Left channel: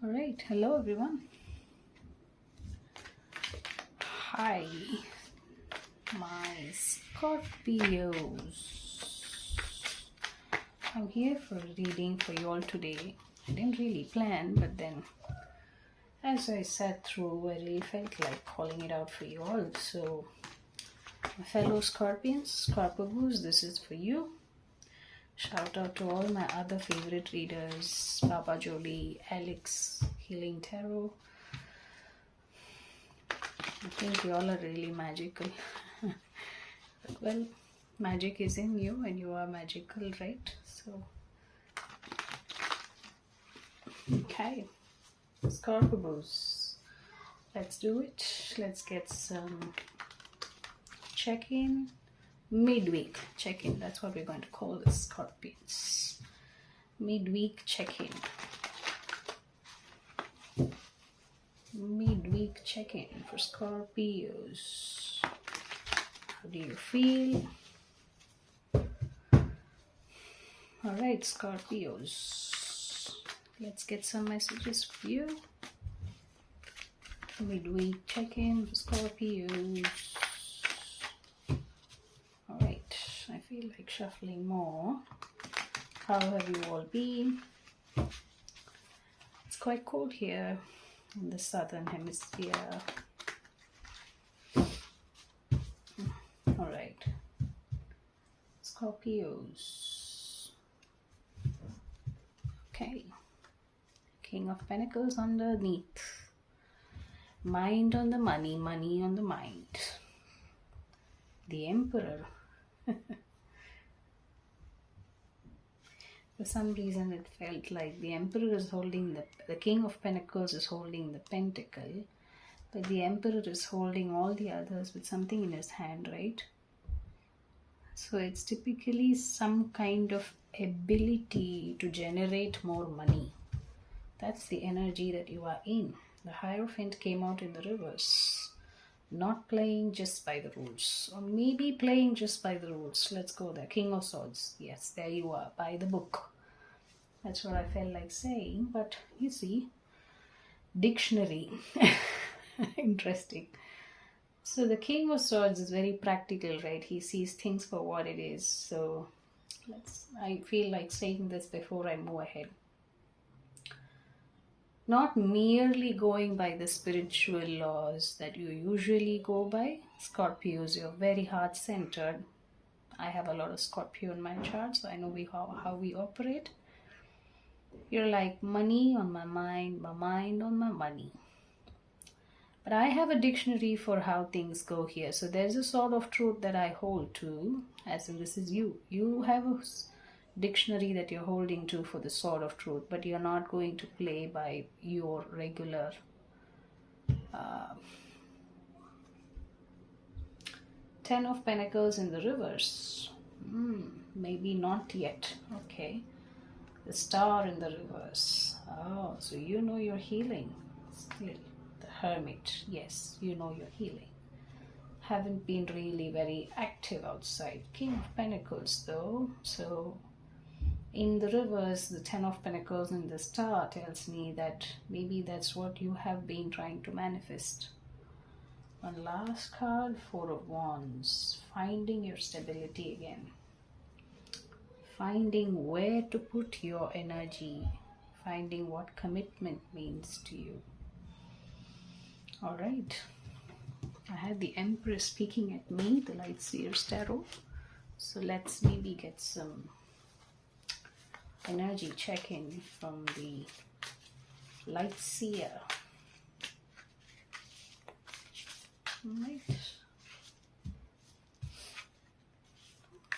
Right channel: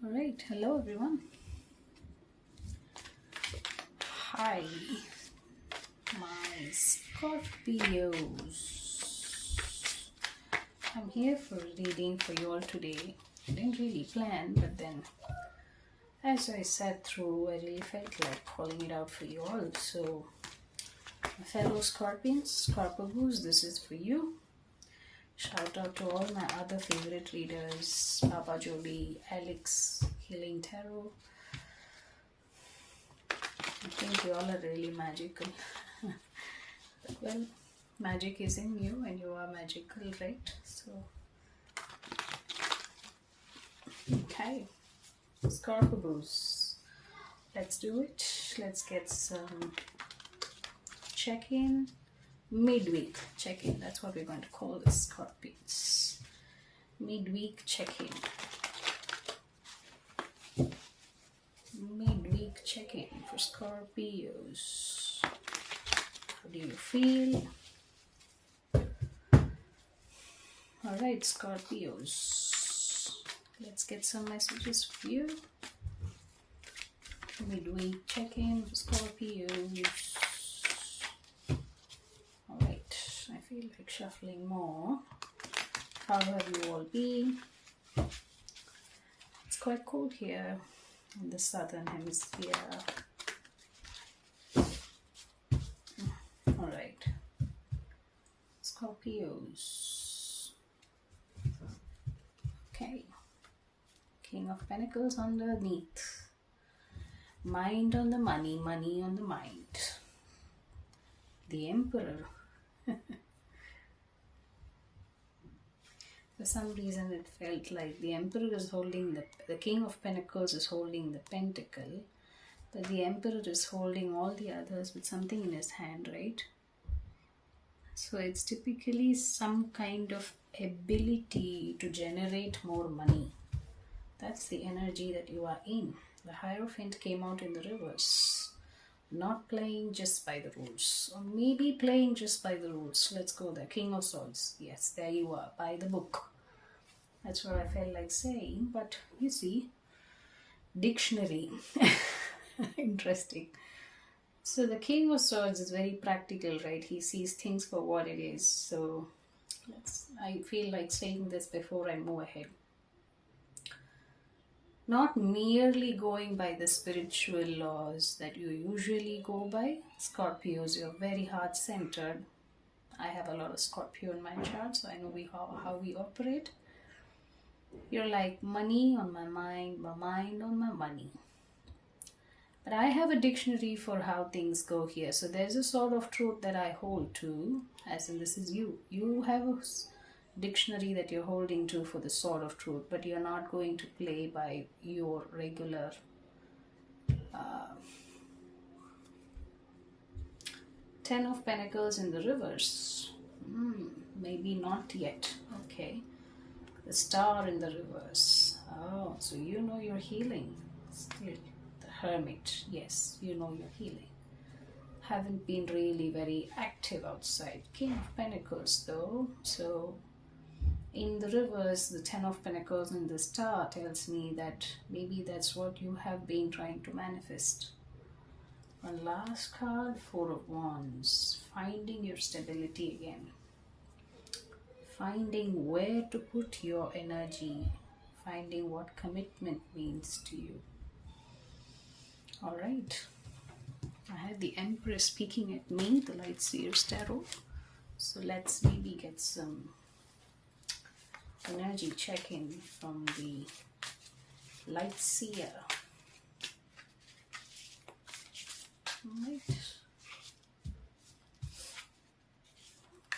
All right, hello everyone. Hi, my Scorpios. I'm here for a reading for you all today. I didn't really plan, but then as I sat through, I really felt like calling it out for you all. So, my fellow Scorpions, Scorpios, this is for you. Shout out to all my other favorite readers, Baba Jolie, Alex, Healing Tarot. I think you all are really magical. Well, magic is in you and you are magical, right? So, okay. Scorpios. Let's do it. Let's get some check-in. Midweek check-in. That's what we're going to call the Scorpions. Midweek check-in. Midweek check-in for Scorpios. How do you feel? Alright, Scorpios. Let's get some messages for you. Midweek check-in for Scorpios. Alright, I feel like shuffling more. How have you all been? It's quite cold here in the southern hemisphere. Alright, Scorpios. Okay, King of Pentacles underneath. Mind on the money, money on the mind. The Emperor. For some reason it felt like the Emperor is holding the King of Pentacles is holding the Pentacle, but the Emperor is holding all the others with something in his hand, right? So it's typically some kind of ability to generate more money. That's the energy that you are in. The Hierophant came out in the reverse. Not playing just by the rules, or maybe playing just by the rules. Let's go there. King of Swords. Yes, there you are, by the book. That's what I felt like saying, but you see, dictionary. Interesting. So the King of Swords is very practical, right? He sees things for what it is. So I feel like saying this before I move ahead. Not merely going by the spiritual laws that you usually go by. Scorpios, you're very heart-centered. I have a lot of Scorpio in my chart, so I know how we operate. You're like, money on my mind on my money. But I have a dictionary for how things go here. So there's a sort of truth that I hold to, as in this is you. You have a dictionary that you're holding to for the sword of truth, but you're not going to play by your regular Ten of Pentacles in the reverse. Maybe not yet. Okay. The Star in the reverse. Oh, so you know you're healing still. The Hermit. Yes, you know you're healing. Haven't been really very active outside. King of Pentacles though. So in the reverse, the Ten of Pentacles and the Star tells me that maybe that's what you have been trying to manifest. One last card, Four of Wands. Finding your stability again. Finding where to put your energy. Finding what commitment means to you. Alright. I had the Empress speaking at me, the Light Seer's Tarot. So let's maybe get some energy check-in from the Light Seer. Right.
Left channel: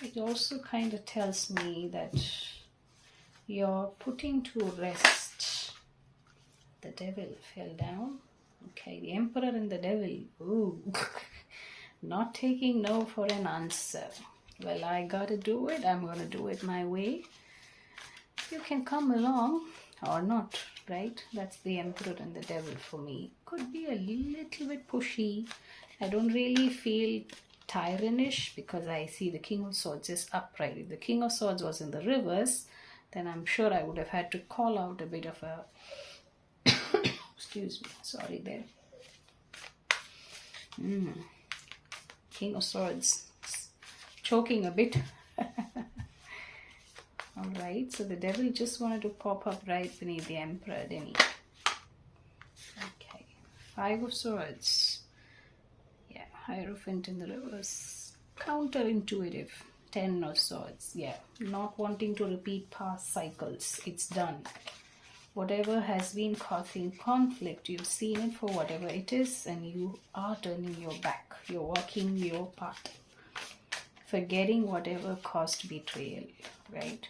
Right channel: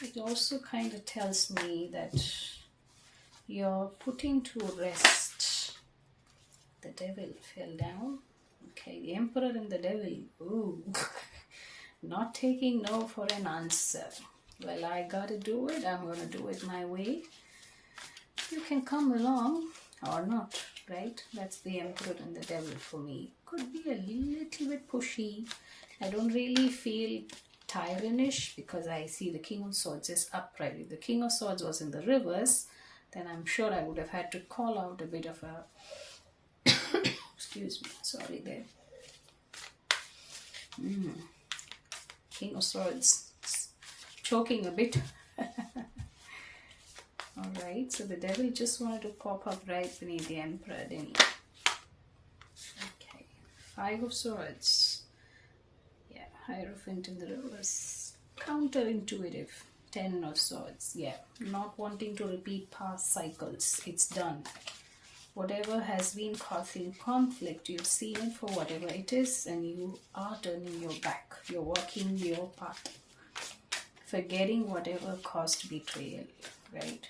It also kind of tells me that you're putting to rest. The Devil fell down. Okay, the Emperor and the Devil. Ooh. Not taking no for an answer. Well, I gotta do it. I'm gonna do it my way. You can come along or not, right? That's the Emperor and the Devil for me. Could be a little bit pushy. I don't really feel tyrannish because I see the King of Swords is upright. If the King of Swords was in the reverse, then I'm sure I would have had to call out a bit of a Excuse me, sorry there. King of Swords, choking a bit. Alright, so the devil just wanted to pop up right beneath the Emperor, didn't he? Okay, Five of Swords. Yeah, Hierophant in the reverse. Counterintuitive. Ten of Swords. Yeah, not wanting to repeat past cycles. It's done. Whatever has been causing conflict, you've seen it for whatever it is, and you are turning your back. You're walking your path. Forgetting whatever caused betrayal, right?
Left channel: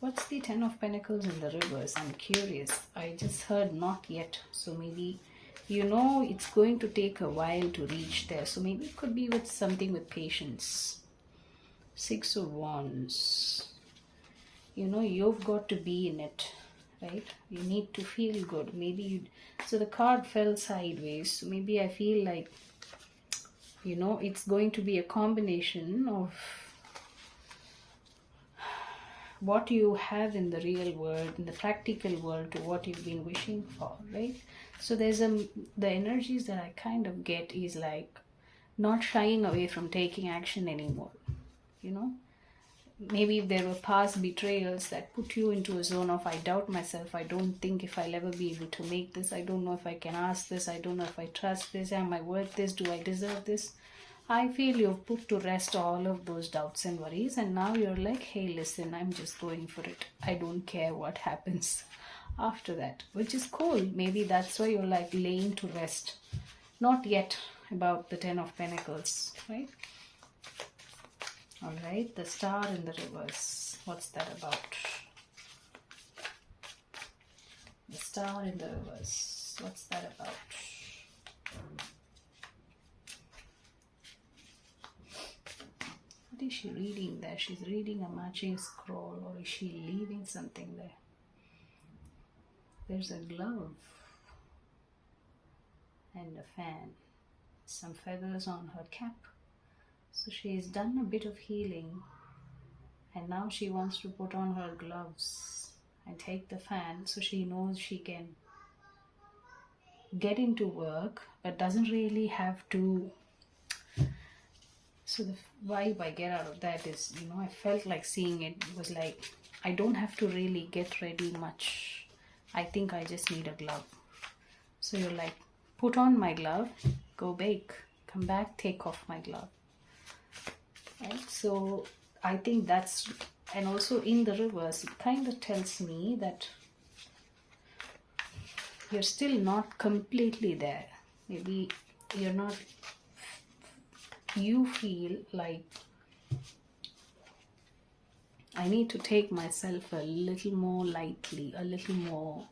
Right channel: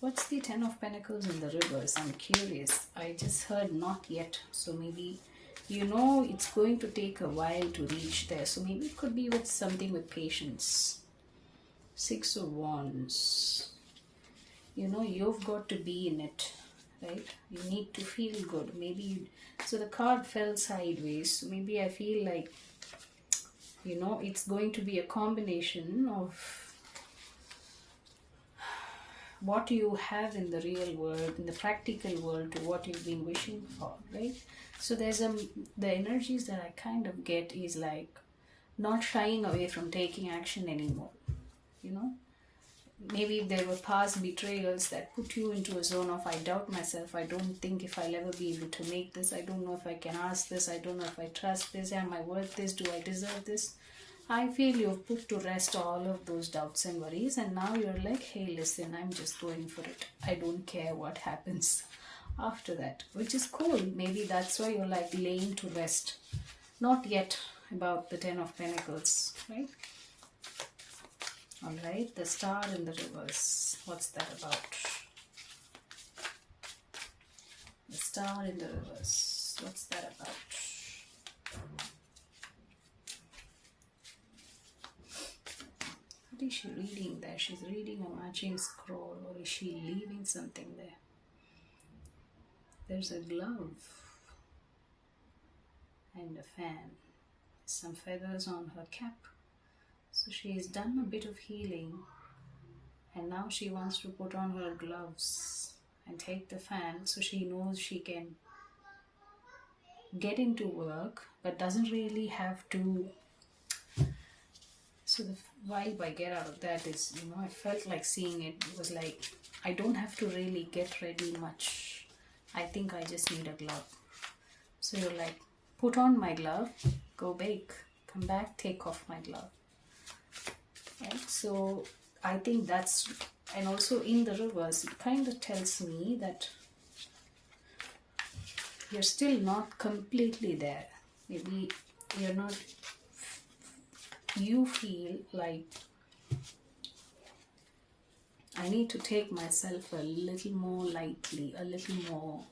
What's the Ten of Pentacles in the reverse? I'm curious. I just heard not yet. So maybe, you know, it's going to take a while to reach there. So maybe it could be with something with patience. Six of Wands. You know, you've got to be in it, right? You need to feel good. Maybe you... So the card fell sideways. So maybe I feel like, you know, it's going to be a combination of what you have in the real world, in the practical world, to what you've been wishing for, right? So there's the energies that I kind of get is like not shying away from taking action anymore, you know? Maybe if there were past betrayals that put you into a zone of I doubt myself, I don't think if I'll ever be able to make this, I don't know if I can ask this, I don't know if I trust this, am I worth this, do I deserve this? I feel you've put to rest all of those doubts and worries, and now you're like, hey, listen, I'm just going for it. I don't care what happens after that, which is cool. Maybe that's why you're like laying to rest. Not yet about the Ten of Pentacles, right? Alright, the Star in the reverse. What's that about? The Star in the reverse. What's that about? What is she reading there? She's reading a matching scroll, or is she leaving something there? There's a glove and a fan. Some feathers on her cap. So she has done a bit of healing, and now she wants to put on her gloves and take the fan so she knows she can get into work but doesn't really have to. So the vibe I get out of that is, you know, I felt like seeing it was like, I don't have to really get ready much. I think I just need a glove. So you're like, put on my glove, go bake, come back, take off my glove. Right? So I think that's, and also in the reverse, it kind of tells me that you're still not completely there. Maybe you're not, you feel like I need to take myself a little more lightly, a little more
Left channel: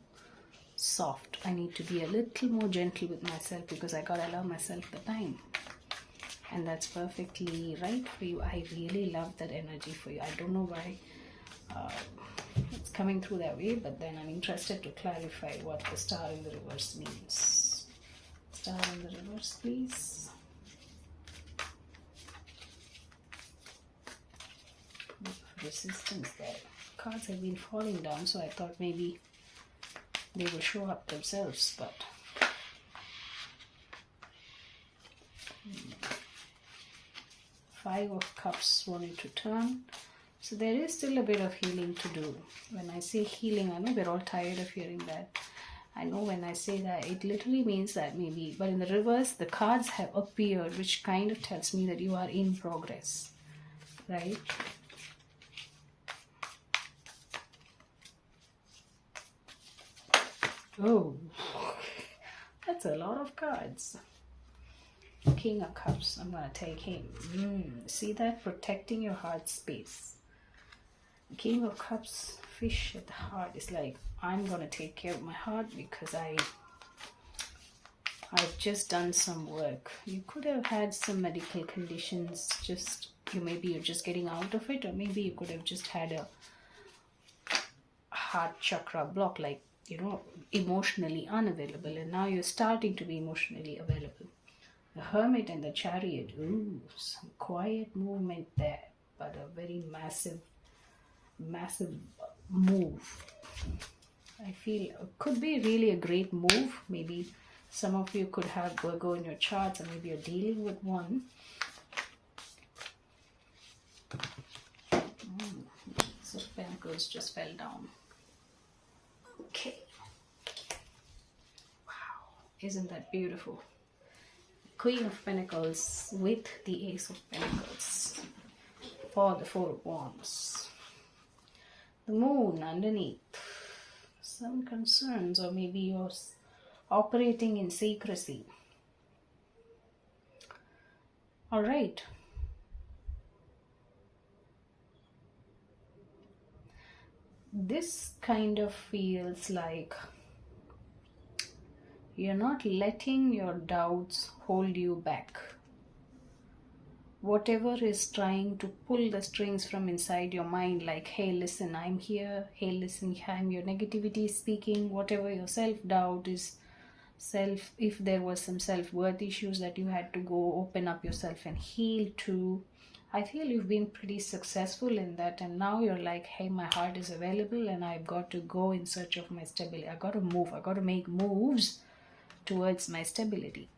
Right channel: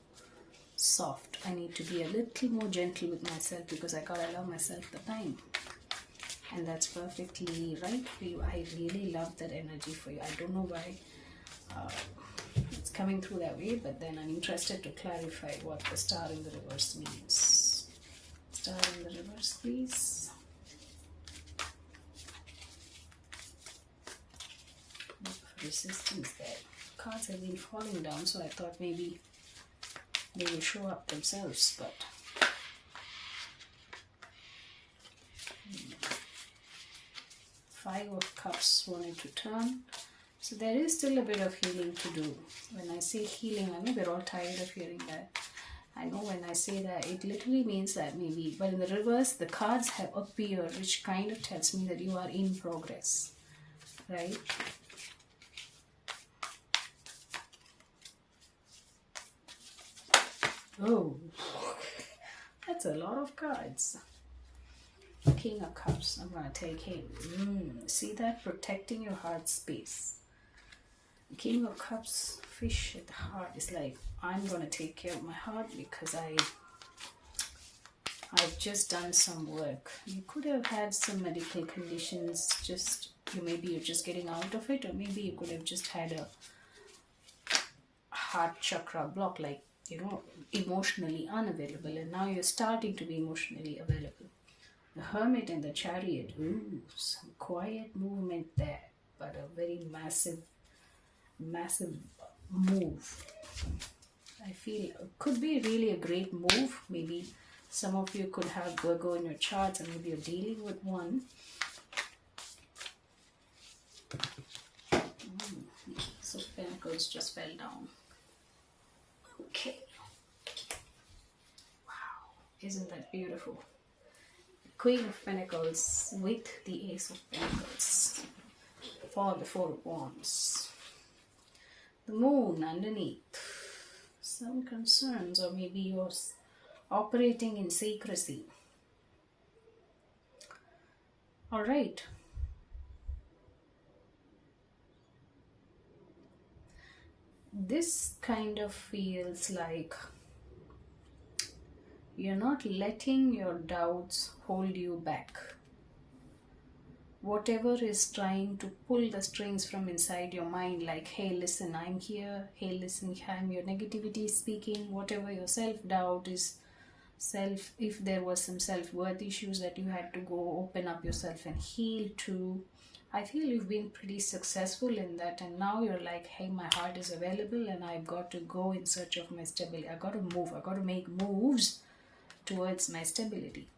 soft. I need to be a little more gentle with myself because I gotta allow myself the time. And that's perfectly right for you. I really love that energy for you. I don't know why it's coming through that way, but then I'm interested to clarify what the Star in the reverse means. Star in the reverse, please. Resistance there. Cards have been falling down, so I thought maybe they will show up themselves, but Five of Cups wanted to turn. So there is still a bit of healing to do. When I say healing, I know we're all tired of hearing that. I know when I say that, it literally means that maybe, but in the reverse, the cards have appeared, which kind of tells me that you are in progress, right? Oh, that's a lot of cards. King of Cups, I'm going to take him. See that? Protecting your heart space. King of Cups, fish at the heart is like, I'm going to take care of my heart because I've just done some work. You could have had some medical conditions, just, maybe you're just getting out of it, or maybe you could have just had a heart chakra block, like, emotionally unavailable, and now you're starting to be emotionally available. The Hermit and the Chariot, some quiet movement there, but a very massive move. I feel it could be really a great move. Maybe some of you could have Virgo in your charts, and maybe you're dealing with one. So Pentacles just fell down. Okay. Wow. Isn't that beautiful? Queen of Pentacles with the Ace of Pentacles for the Four of Wands. The Moon underneath. Some concerns, or maybe you're operating in secrecy. All right. This kind of feels like you're not letting your doubts hold you back. Whatever is trying to pull the strings from inside your mind, like, hey, listen, I'm here. Hey, listen, I'm your negativity speaking. Whatever your self-doubt is, if there was some self-worth issues that you had to go open up yourself and heal to, I feel you've been pretty successful in that, and now you're like, hey, my heart is available and I've got to go in search of my stability. I got to move. I got to make moves towards my stability.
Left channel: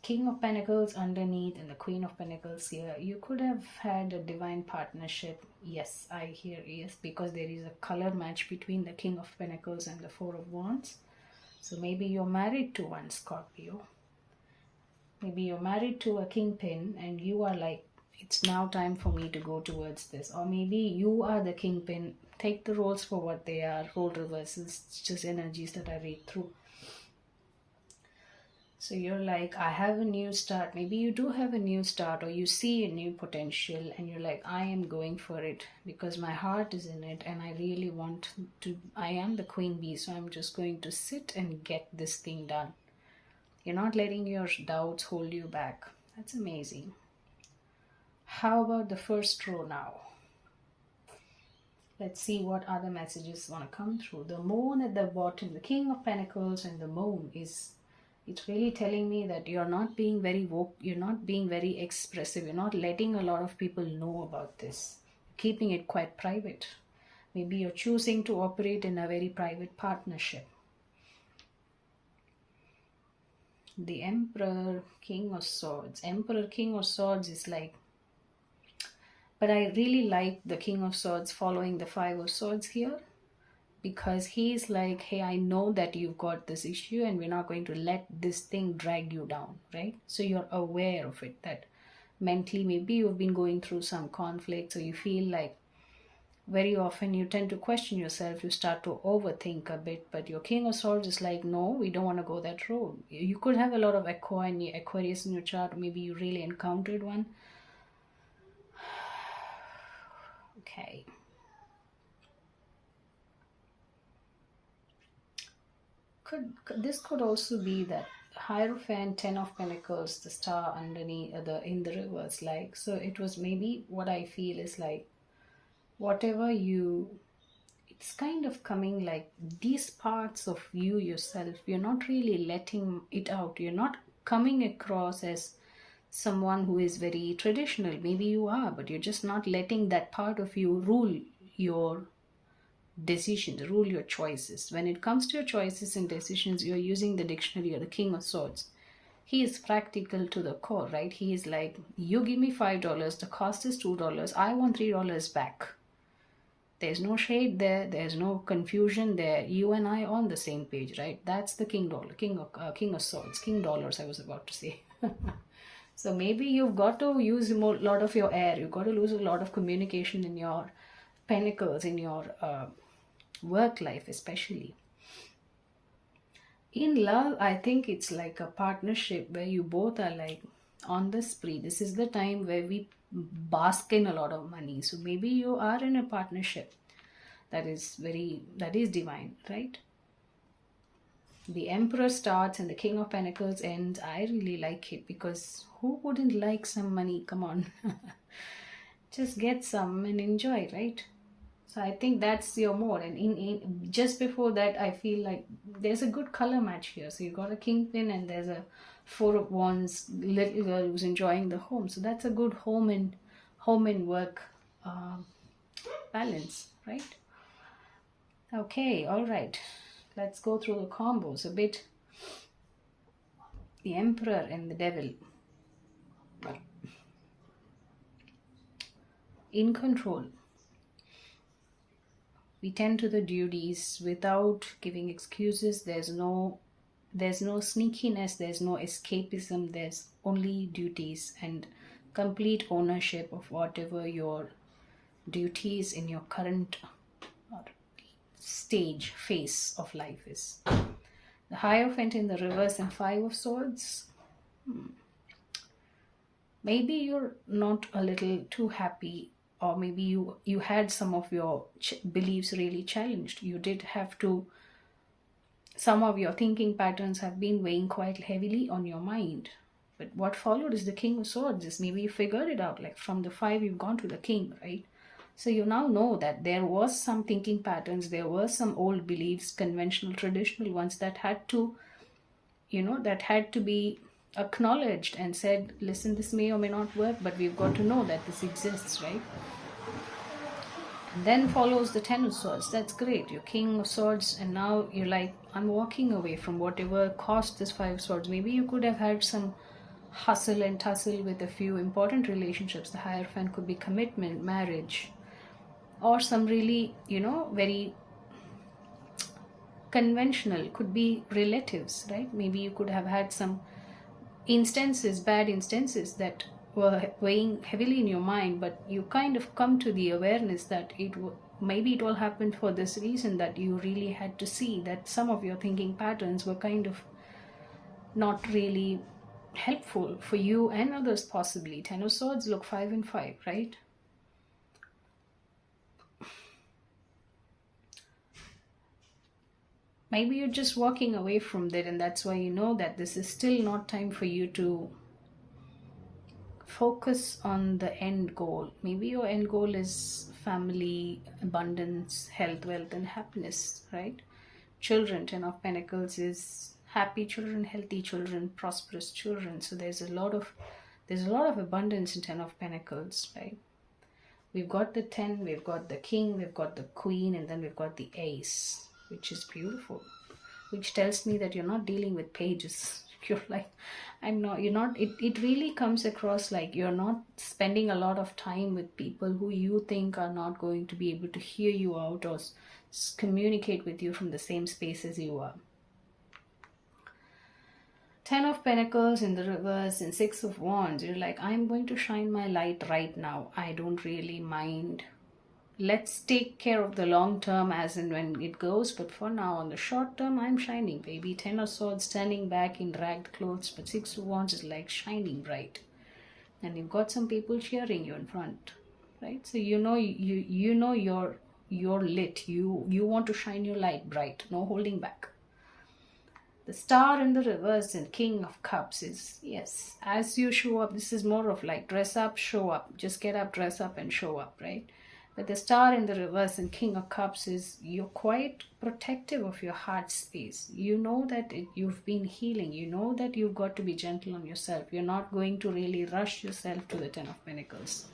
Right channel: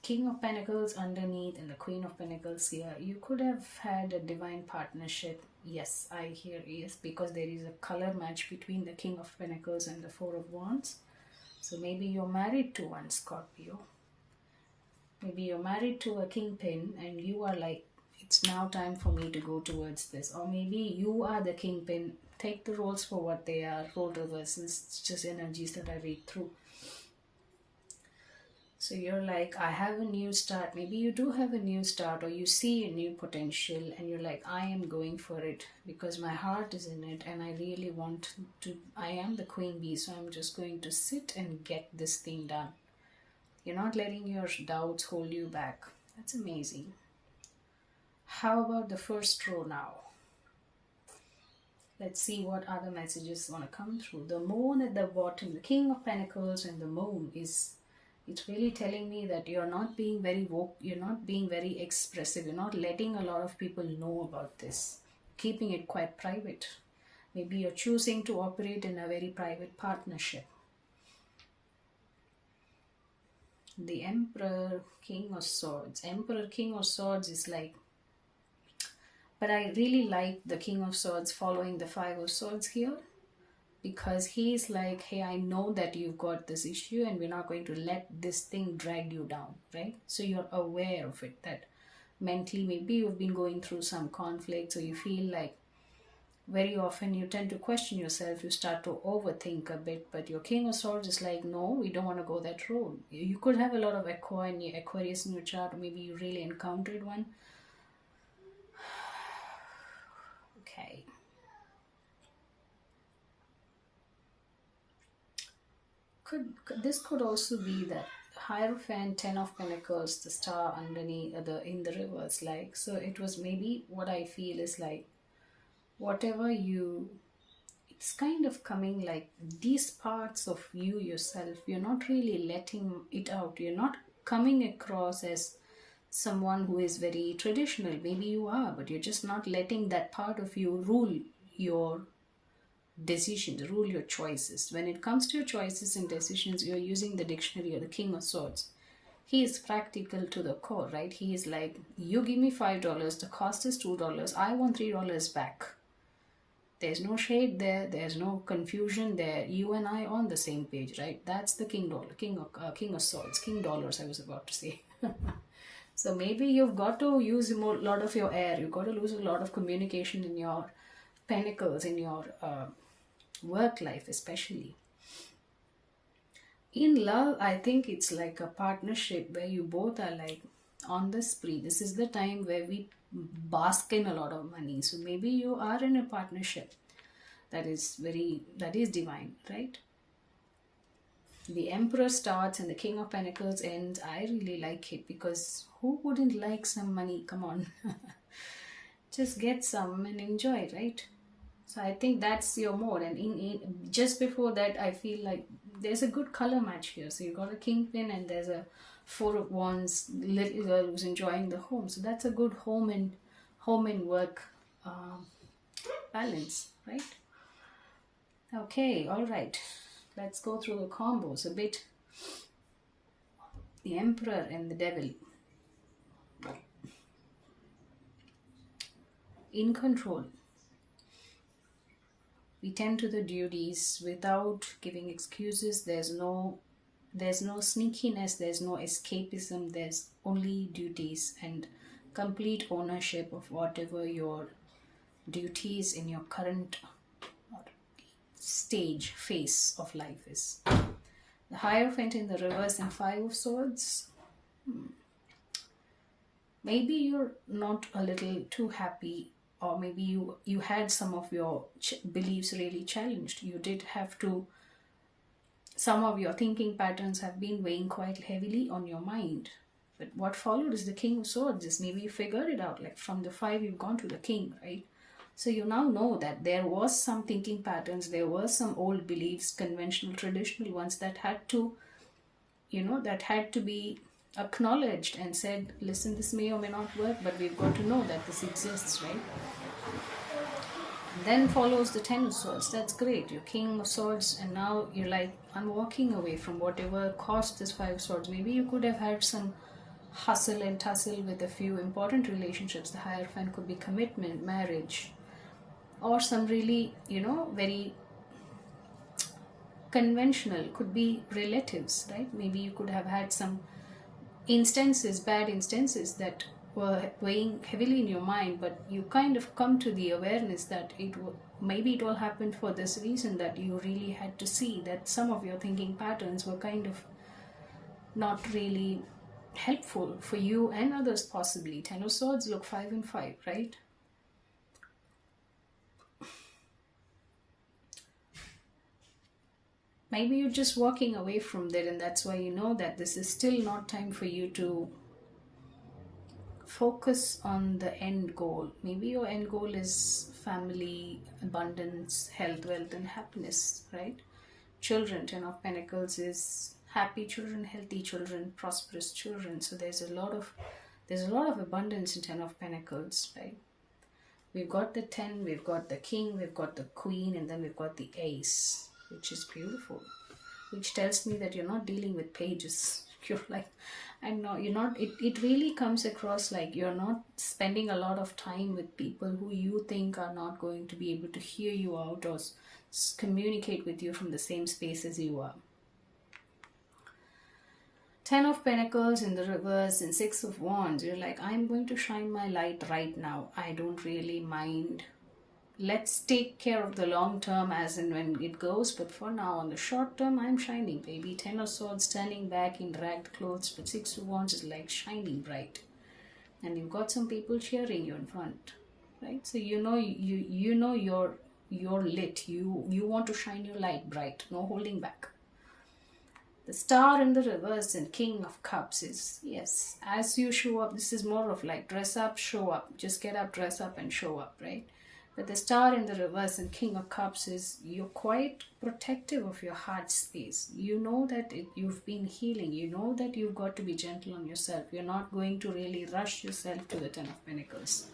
King of Pentacles underneath and the Queen of Pentacles here. You could have had a divine partnership. Yes, I hear yes, because there is a color match between the King of Pentacles and the Four of Wands. So maybe you're married to one, Scorpio. Maybe you're married to a kingpin and you are like, it's now time for me to go towards this. Or maybe you are the kingpin. Take the roles for what they are. Role reversals. It's just energies that I read through. So you're like, I have a new start. Maybe you do have a new start, or you see a new potential and you're like, I am going for it because my heart is in it and I really want to. I am the queen bee, so I'm just going to sit and get this thing done. You're not letting your doubts hold you back. That's amazing. How about the first row now? Let's see what other messages want to come through. The moon at the bottom, the King of Pentacles and the moon is, it's really telling me that you're not being very woke, you're not being very expressive, you're not letting a lot of people know about this, keeping it quite private. Maybe you're choosing to operate in a very private partnership. The Emperor, King of Swords. Emperor, King of Swords is like, but I really like the King of Swords following the Five of Swords here, because he's like, hey, I know that you've got this issue and we're not going to let this thing drag you down, right? So you're aware of it, that mentally maybe you've been going through some conflict, so you feel like very often you tend to question yourself, you start to overthink a bit, but your King of Swords is like, no, we don't want to go that road. You could have a lot of Aquarius in your chart, or maybe you really encountered one. Okay. This could also be that Hierophant, Ten of Pentacles, the star underneath, in the reverse, like, so it was maybe, what I feel is like, whatever it's kind of coming like these parts of you yourself, you're not really letting it out. You're not coming across as someone who is very traditional. Maybe you are, but you're just not letting that part of you rule your decisions, rule your choices. When it comes to your choices and decisions, you're using the dictionary or the King of Swords. He is practical to the core, right? He is like, you give me $5, the cost is $2, I want $3 back. There's no shade there, there's no confusion there. You and I on the same page, right? That's the King of Swords, King dollars, I was about to say. So maybe you've got to use a lot of your air. You've got to lose a lot of communication in your pentacles, in your work life especially. In love, I think it's like a partnership where you both are like on the spree. This is the time where we bask in a lot of money. So maybe you are in a partnership that is divine, right? The Emperor starts and the King of Pentacles ends. I really like it, because who wouldn't like some money? Come on. Just get some and enjoy, right? So I think that's your mode. And in just before that, I feel like there's a good color match here. So you got a kingpin and there's a Four of Wands, little girl who's enjoying the home. So that's a good home and work balance, right? Okay, all right. Let's go through the combos a bit. The Emperor and the Devil. In control. We tend to the duties without giving excuses. There's no sneakiness, there's no escapism, there's only duties and complete ownership of whatever your duties in your current phase of life is. The Hierophant in the reverse and Five of Swords. Maybe you're not a little too happy, or maybe you had some of your beliefs really challenged. You did have to, some of your thinking patterns have been weighing quite heavily on your mind. But what followed is the King of Swords. Is maybe you figured it out, like from the Five you've gone to the King, right? So you now know that there was some thinking patterns, there were some old beliefs, conventional, traditional ones that had to, that had to be acknowledged and said, listen, this may or may not work, but we've got to know that this exists, right? And then follows the Ten of Swords. That's great. You're King of Swords, and now you're like, I'm walking away from whatever caused this Five of Swords. Maybe you could have had some hustle and tussle with a few important relationships. The Hierophant could be commitment, marriage, or some really, very conventional, could be relatives, right? Maybe you could have had some bad instances that were weighing heavily in your mind, but you kind of come to the awareness that maybe it all happened for this reason, that you really had to see that some of your thinking patterns were kind of not really helpful for you and others possibly. Ten of Swords, look, 5 and 5, right? Maybe you're just walking away from that, and that's why you know that this is still not time for you to focus on the end goal. Maybe your end goal is family, abundance, health, wealth, and happiness, right? Children, Ten of Pentacles is happy children, healthy children, prosperous children. So there's a lot of abundance in Ten of Pentacles, right? We've got the 10, we've got the King, we've got the Queen, and then we've got the Ace, which is beautiful, which tells me that you're not dealing with pages. You're like, it really comes across like you're not spending a lot of time with people who you think are not going to be able to hear you out or communicate with you from the same space as you are. 10 of Pentacles in the reverse and 6 of Wands. You're like, I'm going to shine my light right now. I don't really mind. Let's take care of the long term as and when it goes, but for now, on the short term, I'm shining, baby. 10 of Swords standing back in ragged clothes, but 6 of Wands is like shining bright. And you've got some people cheering you in front, right? So you know you're lit. You want to shine your light bright, no holding back. The Star in the reverse and King of Cups is, yes, as you show up, this is more of like dress up, show up. Just get up, dress up and show up, right? But the Star in the reverse and King of Cups is you're quite protective of your heart space. You know that you've been healing. You know that you've got to be gentle on yourself. You're not going to really rush yourself to the 10 of Pentacles.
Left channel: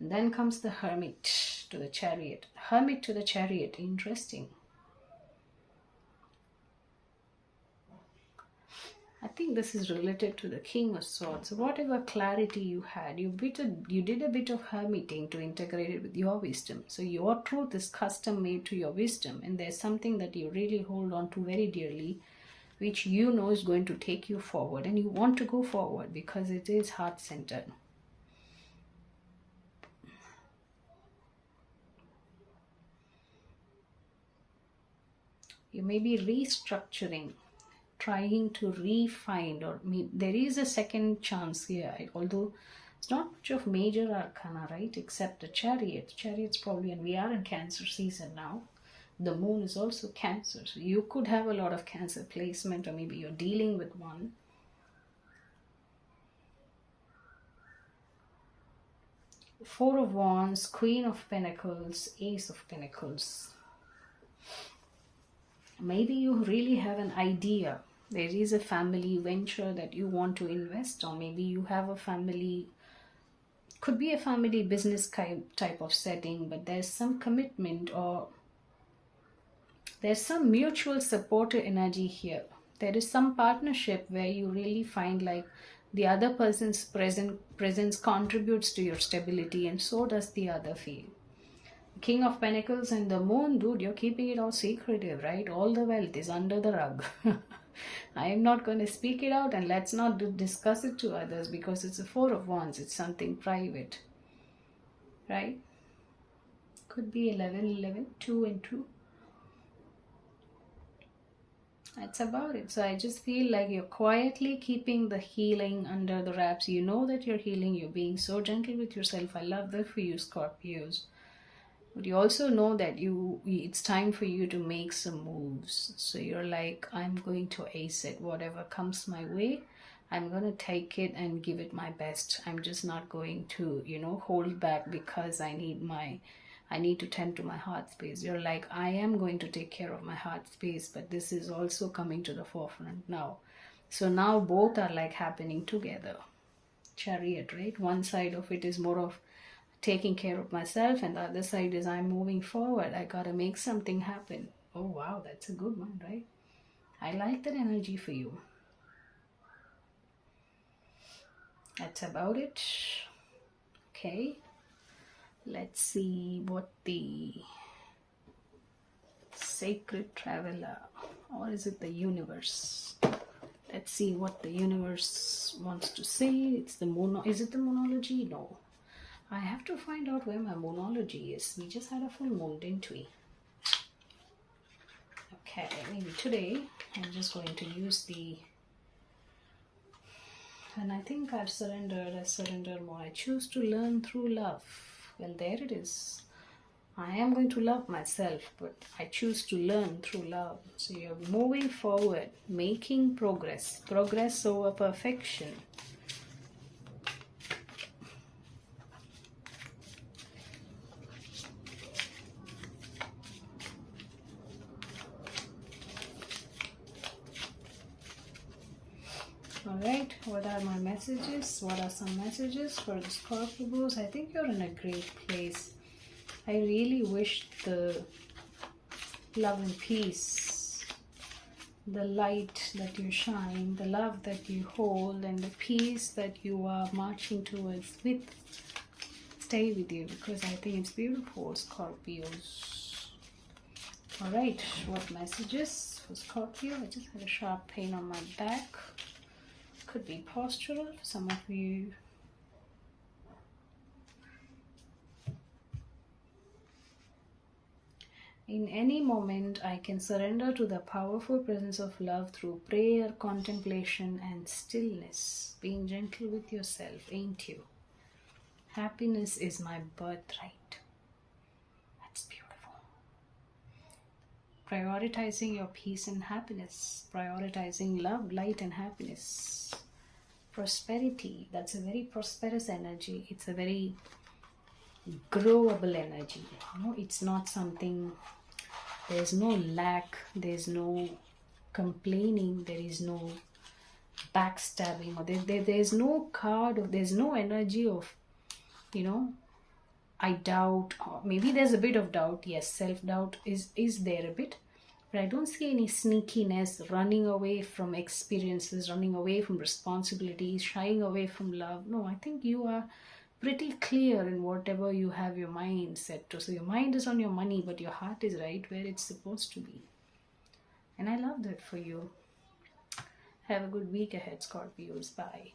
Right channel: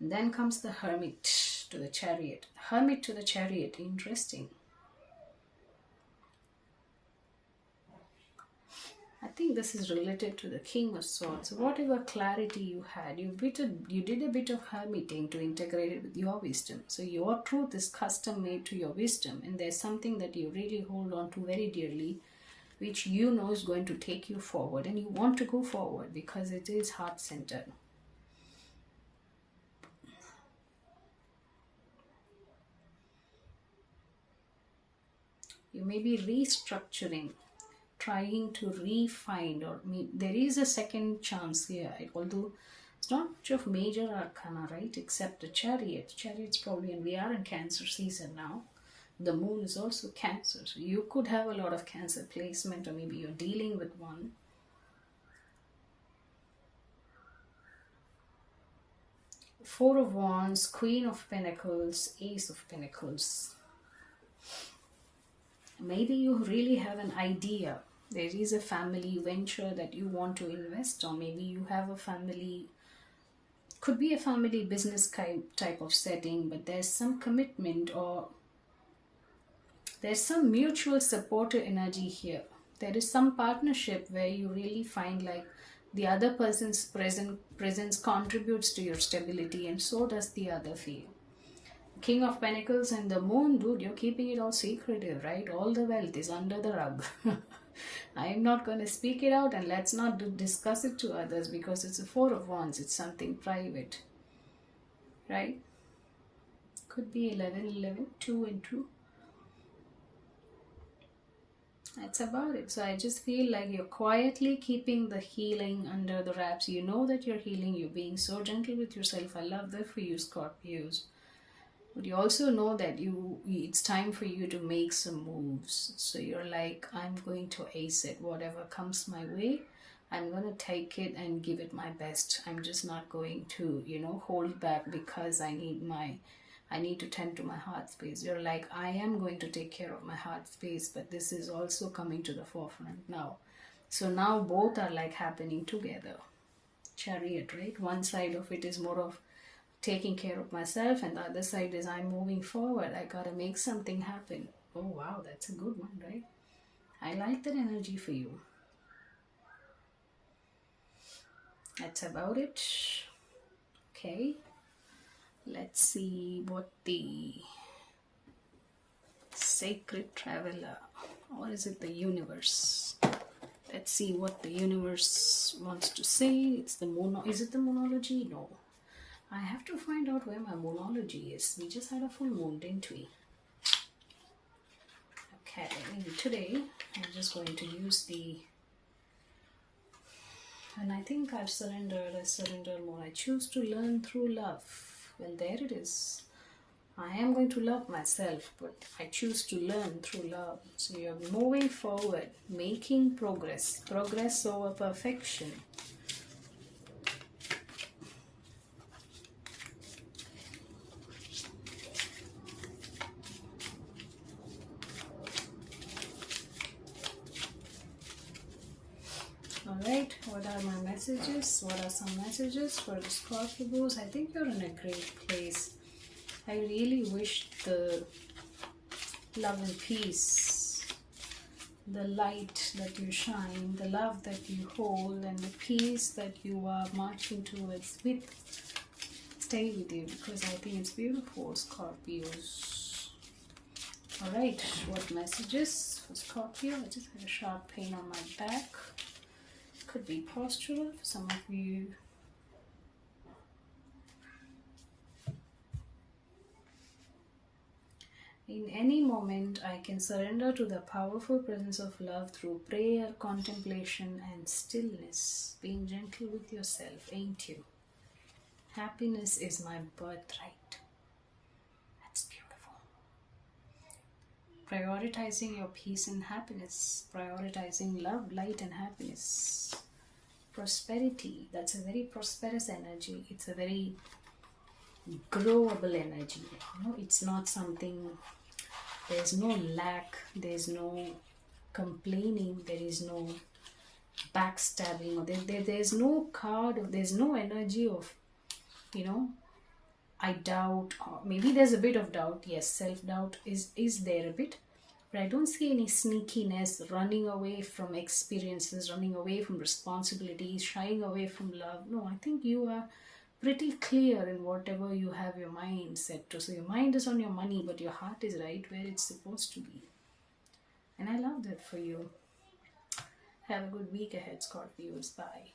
And then comes the Hermit to the Chariot. Hermit to the Chariot, interesting. I think this is related to the King of Swords. Whatever clarity you had, you did a bit of hermiting to integrate it with your wisdom. So your truth is custom made to your wisdom, and there's something that you really hold on to very dearly, which you know is going to take you forward, and you want to go forward because it is heart-centered. You may be restructuring, trying to refine, or there is a second chance here, although it's not much of major arcana, right? Except the Chariot. Chariot's probably, and we are in Cancer season now. The moon is also Cancer, so you could have a lot of Cancer placement, or maybe you're dealing with one. Four of Wands, Queen of Pentacles, Ace of Pentacles. Maybe you really have an idea. There is a family venture that you want to invest on. Maybe you have a family Could be a family business type of setting, but there's some commitment or there's some mutual supportive energy here. There is some partnership where you really find like the other person's presence contributes to your stability, and so does the other feel. King of Pentacles and the Moon, dude, you're keeping it all secretive, right? All the wealth is under the rug. I'm not going to speak it out, and let's not discuss it to others because it's a Four of Wands. It's something private, right? Could be 11, 2 and 2. That's about it. So I just feel like you're quietly keeping the healing under the wraps. You know that you're healing. You're being so gentle with yourself. I love that for you, Scorpios. But you also know that it's time for you to make some moves. So you're like, I'm going to ace it. Whatever comes my way, I'm going to take it and give it my best. I'm just not going to, hold back because I need to tend to my heart space. You're like, I am going to take care of my heart space, but this is also coming to the forefront now. So now both are like happening together. Chariot, right? One side of it is more of taking care of myself, and the other side is I'm moving forward. I gotta make something happen. Oh wow, that's a good one, right? I like that energy for you. That's about it. Okay, let's see what the sacred traveler, or is it the universe? Let's see what the universe wants to say. It's the moon. Is it the moonology? No. I have to find out where my moonology is. We just had a full moon, didn't we? Okay, maybe today I'm just going to use the... And I think I've surrendered. I surrender more. I choose to learn through love. Well, there it is. I am going to love myself, but I choose to learn through love. So you're moving forward, making progress. Progress over perfection. Alright, what are my messages? What are some messages for the Scorpios? I think you're in a great place. I really wish the love and peace, the light that you shine, the love that you hold, and the peace that you are marching towards stay with you, because I think it's beautiful, Scorpios. Alright, what messages for Scorpio? I just had a sharp pain on my back. Could be postural for some of you. In any moment, I can surrender to the powerful presence of love through prayer, contemplation, and stillness. Being gentle with yourself, ain't you? Happiness is my birthright. That's beautiful. Prioritizing your peace and happiness. Prioritizing love, light, and happiness. Prosperity. That's a very prosperous energy. It's a very growable energy. It's not something... There's no lack, there's no complaining, there is no backstabbing, or there's no card, or there's no energy of, I doubt, or maybe there's a bit of doubt. Yes, self-doubt is there a bit, but I don't see any sneakiness, running away from experiences, running away from responsibilities, shying away from love. No, I think you are pretty clear in whatever you have your mind set to. So your mind is on your money, but your heart is right where it's supposed to be. And I love that for you. Have a good week ahead, Scorpios. Bye.